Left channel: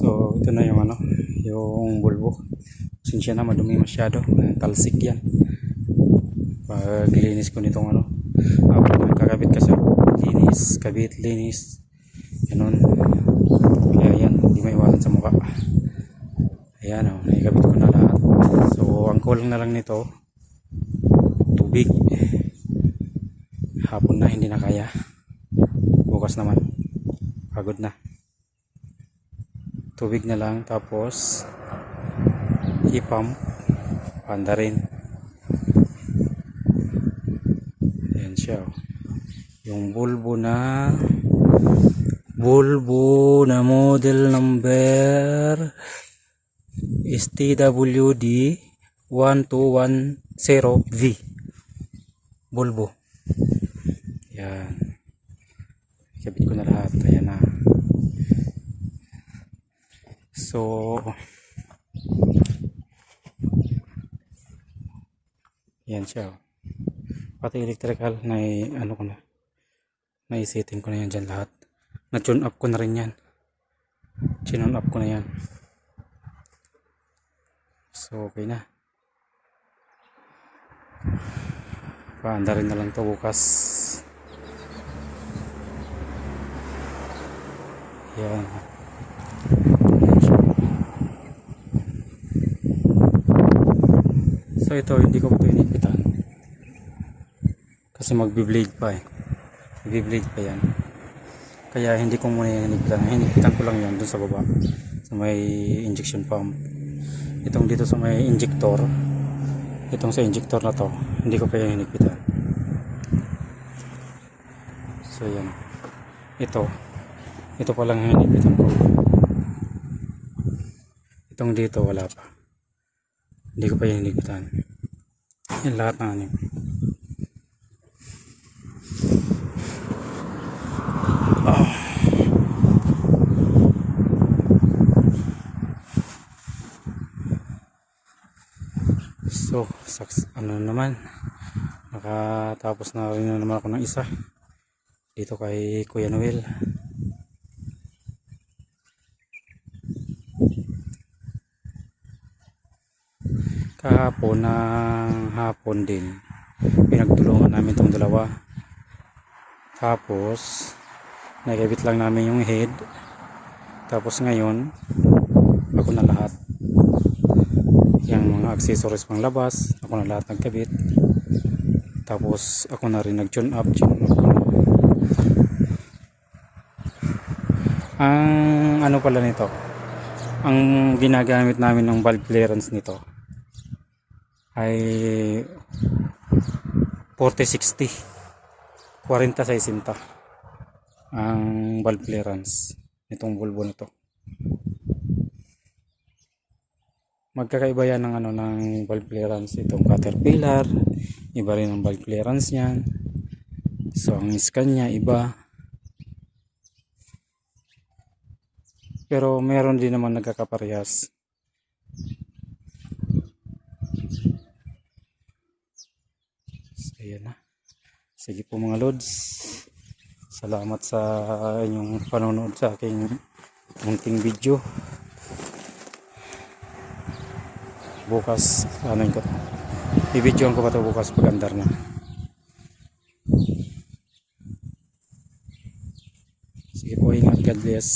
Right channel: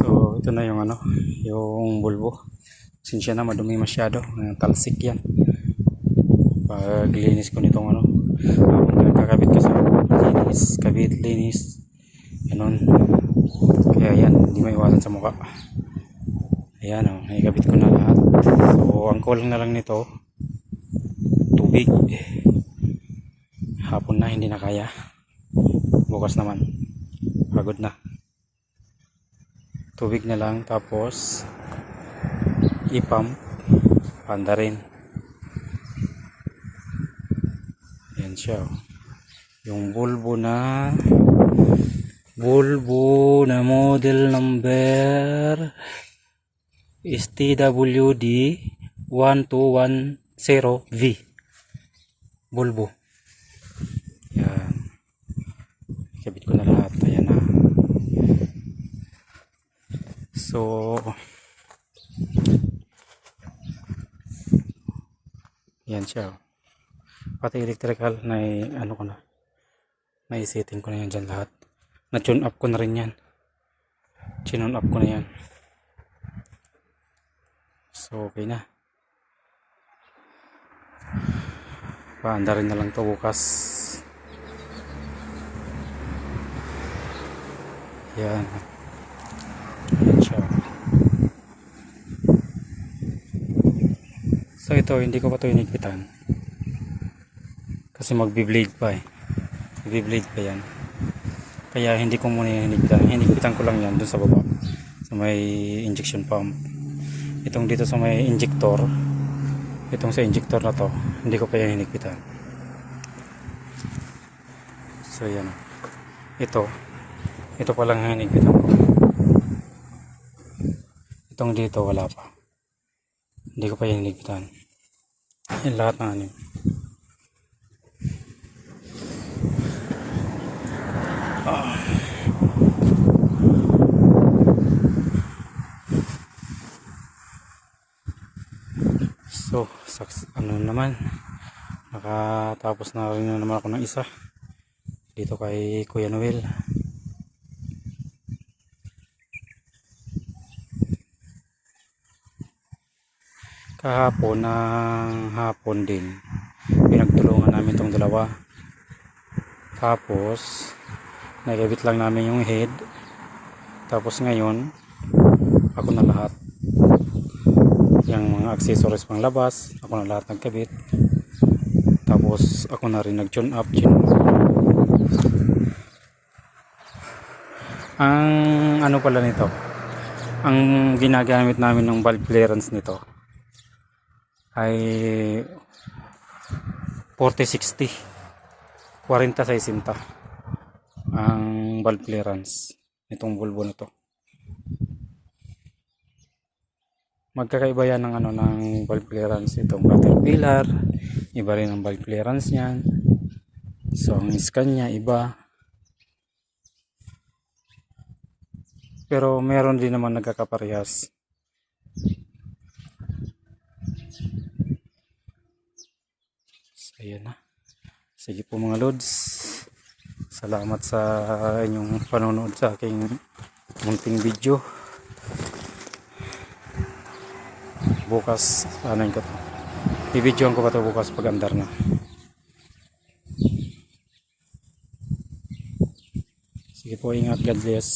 So ito na yung yung bulbo. Sinsya na madumi masyado, talsik yan. Pag linis ko nitong pagkakabit kasi linis, kabit, linis, ganun. Kaya yan, hindi maiwasan sa mukha. Ayan naikabit ko na lahat. So ang kulang na lang nito, tubig. Hapon na, hindi na kaya. Bukas naman, pagod na. Tubig na lang, tapos ipam panda rin. Yan siya. Yung bulbo na model number STWD 1210V bulbo. Yan, ikabit ko na lahat. Ayan na. So yan siya. Pati electrical na naisetting ko na yan dyan lahat. Na-tune up ko na rin yan. Tune up ko na yan. So okay na. Paanda rin na lang to bukas. Yan. Yan siya. So ito, hindi ko pa ito inigpitan. Kasi magbi-blade pa eh. Magbi-blade pa yan. Kaya hindi ko muna hinigpitan. Hinigpitan ko lang yan dun sa baba. Sa may injection pump. Itong dito sa may injector. Itong sa injector na to, hindi ko pa yan hinigpitan. So yan. Ito pa lang ang hinigpitan ko. Itong dito wala pa. Hindi ko pa yan hinigpitan. Yan lahat na So, naman, nakatapos na rin naman ako ng isa dito kay Kuya Noel. Kahapon ng hapon din pinagtulungan namin itong dalawa, tapos nakabit lang namin yung head, tapos ngayon ako na lahat. Yung mga accessories pang labas, ako na lahat nagkabit. Tapos ako na rin nag-tune up. Ang pala nito, ang ginagamit namin ng valve clearance nito ay 4060 4060 ang valve clearance nitong bulbo nito. Magkakaiba yan ng valve clearance. Itong Caterpillar, iba rin ang valve clearance niyan. So ang Scania iba. Pero meron din naman nagkakaparehas. So ayan na. Sige po mga lods. Salamat sa inyong panonood sa aking munting video. Bukas i-videoan ko pa ito bukas pag andar na. Sige po, ingat, God bless.